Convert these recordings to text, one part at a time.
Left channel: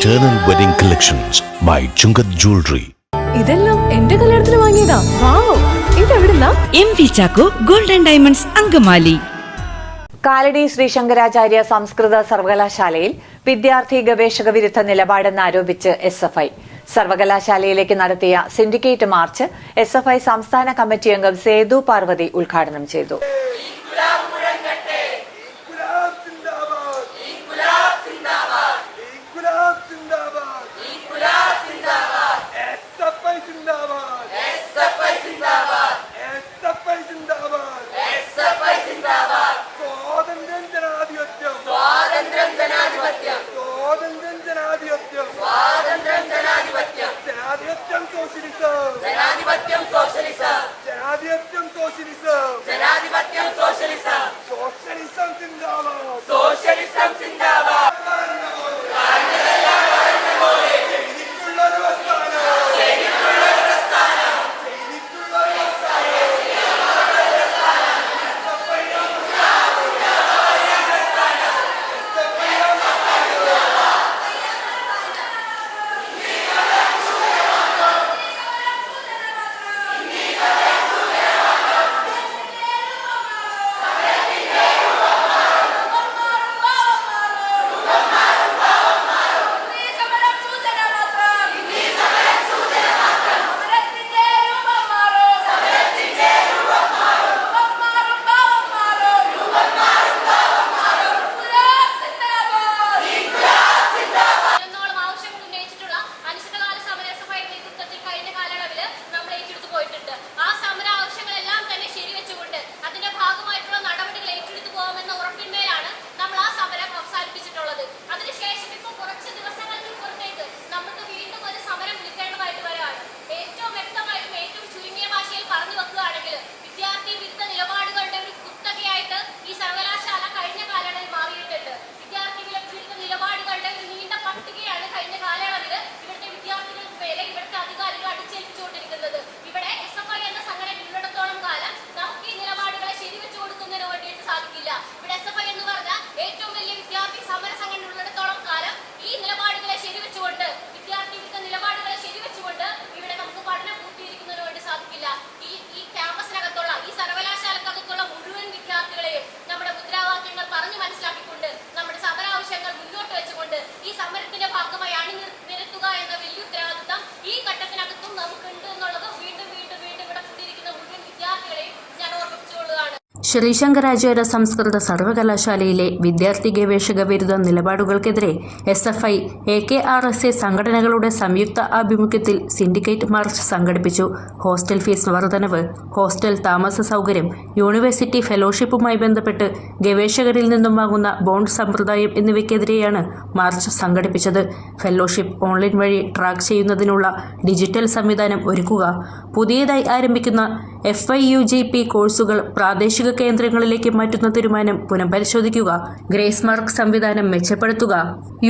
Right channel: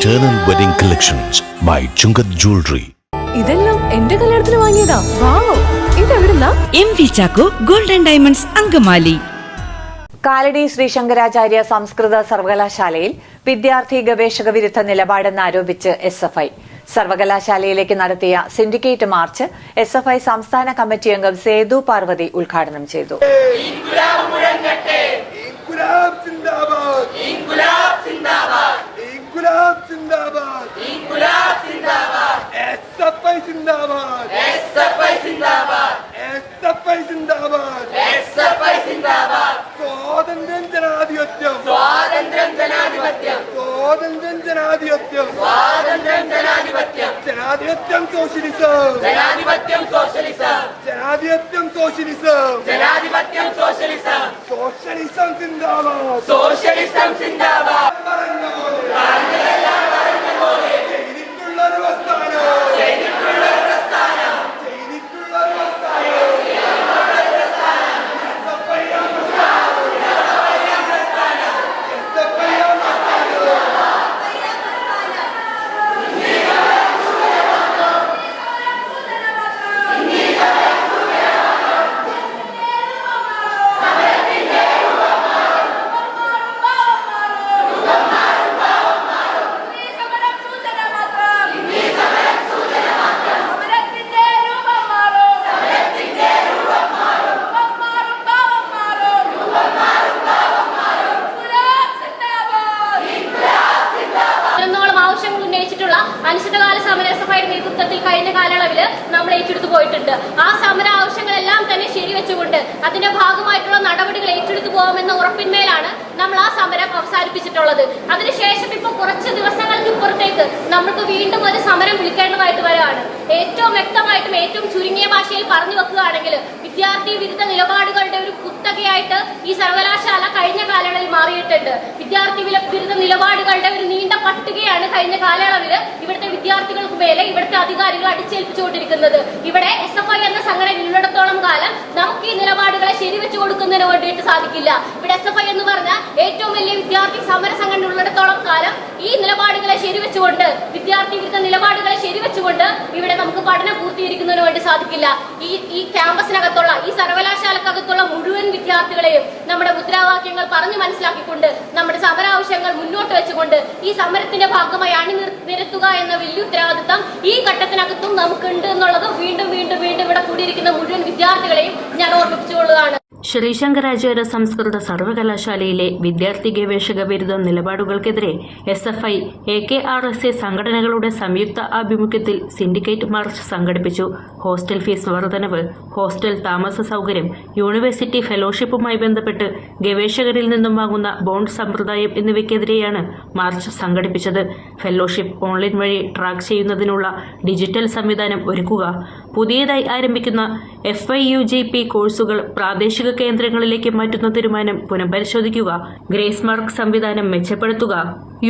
Eternal Wedding Collections by Chungath Jewelry. ഇതെല്ലാം എന്റെ കല്യാണത്തിന് വാങ്ങിയതാ. Wow ഇതെവിടുന്നാ? M V Chacko golden diamonds Angamaly. Kalady Shri Shankaracharya സംസ്കൃത സർവകലാശാലയിൽ വിദ്യാർത്ഥി ഗവേഷക വിരുദ്ധ നിലപാടെന്ന് ആരോപിച്ച് എസ് എഫ് ഐ സർവകലാശാലയിലേക്ക് നടത്തിയ syndicate march S F I സംസ്ഥാന കമ്മിറ്റി അംഗം സേതു പാർവതി ഉദ്ഘാടനം ചെയ്തു ഇൻകുലാബ് സിന്ദാബാദ് ഇൻകുലാബ് സിന്ദാബാദ് ഇൻകുലാബ് സിന്ദാബാദ് എസ്എഫ്ഐ സിന്ദാബാദ് എസ്എഫ്ഐ സിന്ദാബാദ് എസ്എഫ്ഐ സിന്ദാബാദ് എസ്എഫ്ഐ സിന്ദാബാദ് സ്വാതന്ത്ര്യം ജനാധിപത്യം സ്വാതന്ത്ര്യം ജനാധിപത്യം സ്വാതന്ത്ര്യം ജനാധിപത്യം സ്വാതന്ത്ര്യം ജനാധിപത്യം ജനാധിപത്യം സോഷ്യലിസം. ജനാധിപത്യം സോഷ്യലിസം. ജനാധിപത്യം സോഷ്യലിസം. ജനാധിപത്യം സോഷ്യലിസം. സോഷ്യലിസം സിന്ദാബാദ്. സോഷ്യലിസം സിന്ദാബാദ്. നേതൃത്വത്തിൽ കഴിഞ്ഞ കാലയളവിൽ നമ്മൾ ഏറ്റെടുത്ത് പോയിട്ടുണ്ട്. ആ സമര ആവശ്യങ്ങളെല്ലാം തന്നെ ശരിവെച്ചുകൊണ്ട് അതിന്റെ ഭാഗമായിട്ടുള്ള നടപടികൾ ഏറ്റെടുത്തു പോകുമെന്ന ഉറപ്പിന്മേലാണ് നമ്മൾ ആ സമരം അവസാനിപ്പിച്ചിട്ടുള്ളത്. അതിനുശേഷം ഇപ്പോൾ കുറച്ച് ദിവസങ്ങൾക്ക് ഇപ്പുറത്തേക്ക് നമുക്ക് വീണ്ടും ഒരു സമരം വിളിക്കേണ്ടതായിട്ട് വരികയാണ് ഏറ്റവും വ്യക്തമായിട്ടും ഏറ്റവും ചുരുങ്ങിയ ഭാഷയിൽ പറഞ്ഞു വെക്കുകയാണെങ്കിൽ വിദ്യാർത്ഥി വിരുദ്ധ നിലപാടുകളുടെ ഒരു കുത്തകയായിട്ട് ഈ സർവകലാശാല കഴിഞ്ഞ കാലയളവിൽ മാറിയിട്ടുണ്ട്. വിദ്യാർത്ഥി വിരുദ്ധ നിലപാടുകളുടെ ഒരു നീണ്ട പട്ടികയാണ് കഴിഞ്ഞ കാലയളവിൽ ഇവിടുത്തെ വിദ്യാർത്ഥികൾക്ക് മേലെ ഇവിടുത്തെ അധികാരികൾ അടിച്ചേൽപ്പിച്ചുകൊണ്ടിരിക്കുന്നത്. ഇവിടെ എസ് എഫ് ഐ എന്ന സംഘടന ഉള്ളിടത്തോളം കാലം നമുക്ക് ഈ നിലപാടുകളെ ശരിവെച്ചു കൊടുക്കുന്നതിന് വേണ്ടിയിട്ട് സാധിക്കില്ല. ഇവിടെ എസ് എഫ് ഐ എന്ന് പറഞ്ഞ ഏറ്റവും വലിയ വിദ്യാർത്ഥി സമര സംഘടന ഉള്ളിടത്തോളം കാലം ഈ നിലപാടുകളെ ശരിവെച്ചുകൊണ്ട് വിദ്യാർത്ഥി വിരുദ്ധ നിലപാടുകളെ ശരിവെച്ചുകൊണ്ട് ഇവിടെ നമുക്ക് പഠനം പൂർത്തീകരിക്കുന്നതിന് വേണ്ടി സാധിക്കില്ല. ഈ ഈ ക്യാമ്പസിനകത്തുള്ള ഈ സർവകലാശാലക്കകത്തുള്ള മുഴുവൻ വിദ്യാർത്ഥികളെയും നമ്മുടെ മുദ്രാവാക്യങ്ങൾ പറഞ്ഞു മനസ്സിലാക്കിക്കൊണ്ട് നമ്മുടെ സമരാവശ്യങ്ങൾ മുന്നോട്ട് വെച്ചുകൊണ്ട് ഈ സമരത്തിന്റെ ഭാഗമായി അണിനിരത്തുക നിരത്തുക എന്ന വലിയ ഉത്തരവാദിത്തം ഈ ഘട്ടത്തിനകത്തും നമുക്കുണ്ട് എന്നുള്ളത് വീണ്ടും വീണ്ടും വീണ്ടും ഇവിടെ കൂടിയിരിക്കുന്ന മുഴുവൻ വിദ്യാർത്ഥികളെയും ഞാൻ ഓർമ്മിപ്പിച്ചുകൊള്ളുകയാണ്. ശ്രീശങ്കരാചാര്യ സംസ്കൃത സർവകലാശാലയിലെ വിദ്യാർത്ഥി ഗവേഷക ബിരുദ നിലപാടുകൾക്കെതിരെ S F I A K R S A സംഘടനകളുടെ സംയുക്ത ആഭിമുഖ്യത്തിൽ സിൻഡിക്കേറ്റ് മാർച്ച് സംഘടിപ്പിച്ചു. ഹോസ്റ്റൽ ഫീസ് വർധനവ് ഹോസ്റ്റൽ താമസ സൗകര്യം യൂണിവേഴ്സിറ്റി ഫെലോഷിപ്പുമായി ബന്ധപ്പെട്ട് ഗവേഷകരിൽ നിന്നും വാങ്ങുന്ന ബോണ്ട് സമ്പ്രദായം എന്നിവയ്ക്കെതിരെയാണ് മാർച്ച് സംഘടിപ്പിച്ചത്. ഫെലോഷിപ്പ് ഓൺലൈൻ വഴി ട്രാക്ക് ചെയ്യുന്നതിനുള്ള ഡിജിറ്റൽ സംവിധാനം ഒരുക്കുക. പുതിയതായി ആരംഭിക്കുന്ന F I U G P കോഴ്സുകൾ പ്രാദേശിക കേന്ദ്രങ്ങളിലേക്ക് മാറ്റുന്ന തീരുമാനം പുനഃപരിശോധിക്കുക. ഗ്രേസ് മാർക്ക് സംവിധാനം മെച്ചപ്പെടുത്തുക.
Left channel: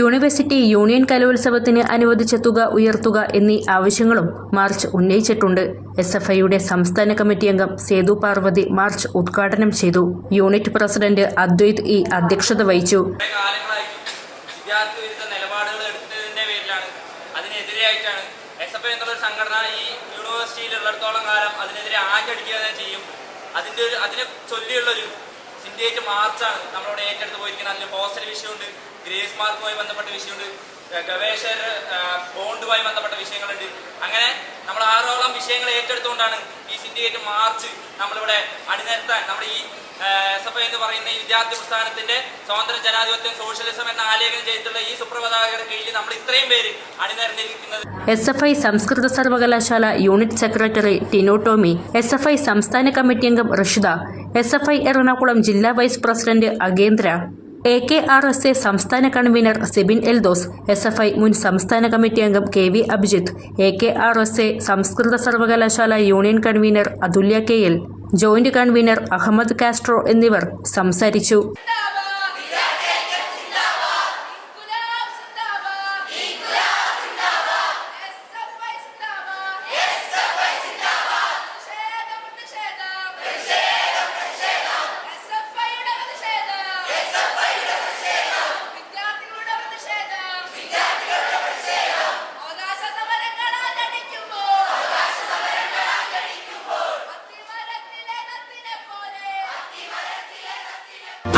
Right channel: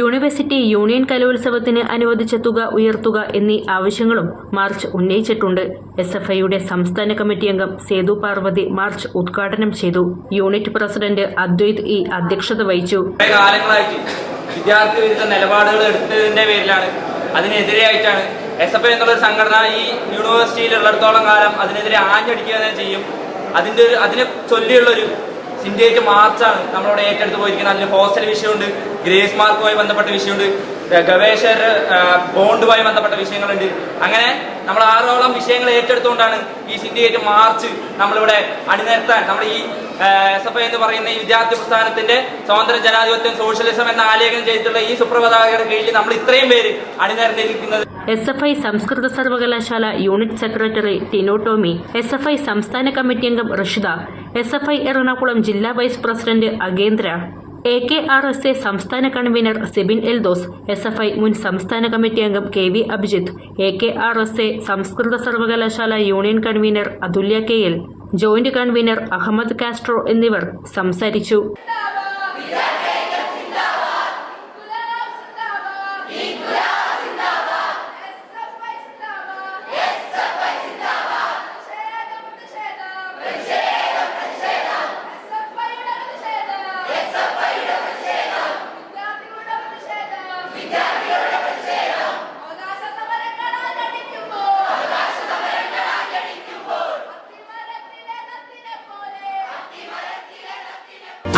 യൂണിവേഴ്സിറ്റി യൂണിയൻ കലോത്സവത്തിന് അനുവദിച്ച തുക ഉയർത്തുക എന്നീ ആവശ്യങ്ങളും മാർച്ച് ഉന്നയിച്ചിട്ടുണ്ട്. എസ് എഫ് ഐയുടെ സംസ്ഥാന കമ്മിറ്റി അംഗം സേതു പാർവതി മാർച്ച് ഉദ്ഘാടനം ചെയ്തു. യൂണിറ്റ് പ്രസിഡന്റ് അദ്വൈത് ഇ അധ്യക്ഷത വഹിച്ചു. വിദ്യാർത്ഥി വിരുദ്ധ നിലപാടുകൾ എടുത്തതിന്റെ പേരിലാണ് അതിനെതിരെയായിട്ടാണ് എസ് എഫ് ഐ എന്നുള്ളൊരു സംഘടന ഈ യൂണിവേഴ്സിറ്റിയിൽ ഉള്ളിടത്തോളം കാലം അതിനെതിരെ ആഞ്ഞടിക്കുക തന്നെ ചെയ്യും. അതിന്റെ ഒരു അതിനെ ചൊല്ലിയുള്ളൊരു സിൻഡിയേറ്റ് മാർച്ചാണ്. നമ്മളവിടെ ഏറ്റെടുത്ത് പോയിരിക്കുന്നത്. അതിൽ ഹോസ്റ്റൽ വിഷയമുണ്ട്. ഗ്രേസ് മാർക്കുമായി ബന്ധപ്പെട്ട വിഷയമുണ്ട്. ഗവേഷകർ ബോണ്ടുമായി ബന്ധപ്പെട്ട വിഷയങ്ങളുണ്ട്. അങ്ങനെ നമ്മൾ ആറോളം വിഷയങ്ങൾ ഏറ്റെടുത്തുകൊണ്ടാണ് ഈ സിൻഡിക്കേറ്റ് മാർച്ച് നമ്മളിവിടെ അണിനിരത്താൻ. നമ്മുടെ ഈ എസ് എഫ് ഐ എന്ന് പറയുന്ന ഈ വിദ്യാർത്ഥി പ്രസ്ഥാനത്തിന്റെ സ്വാതന്ത്ര്യ ജനാധിപത്യം സോഷ്യലിസം എന്ന ആലേഖനം ചെയ്തിട്ടുള്ള ഈ സുപ്രഭാതകരുടെ കീഴിൽ നമ്മൾ ഇത്രയും പേര് അണിനിരന്നിരിക്കുന്നത്. എസ് എഫ് ഐ സംസ്കൃത സർവകലാശാല unit secretary Tino Tomy S F I സംസ്ഥാന കമ്മിറ്റി അംഗം Rashida S F I Ernakulam ജില്ലാ vice president Agendra. A K R S A സംസ്ഥാന convener Sibin Eldhose S F I മുൻ സംസ്ഥാന കമ്മിറ്റി അംഗം K V Abhijith A K R S A സംസ്കൃത സർവകലാശാല union convener Athulya K L joint convener Ahammed Castro എന്നിവർ സംസാരിച്ചു.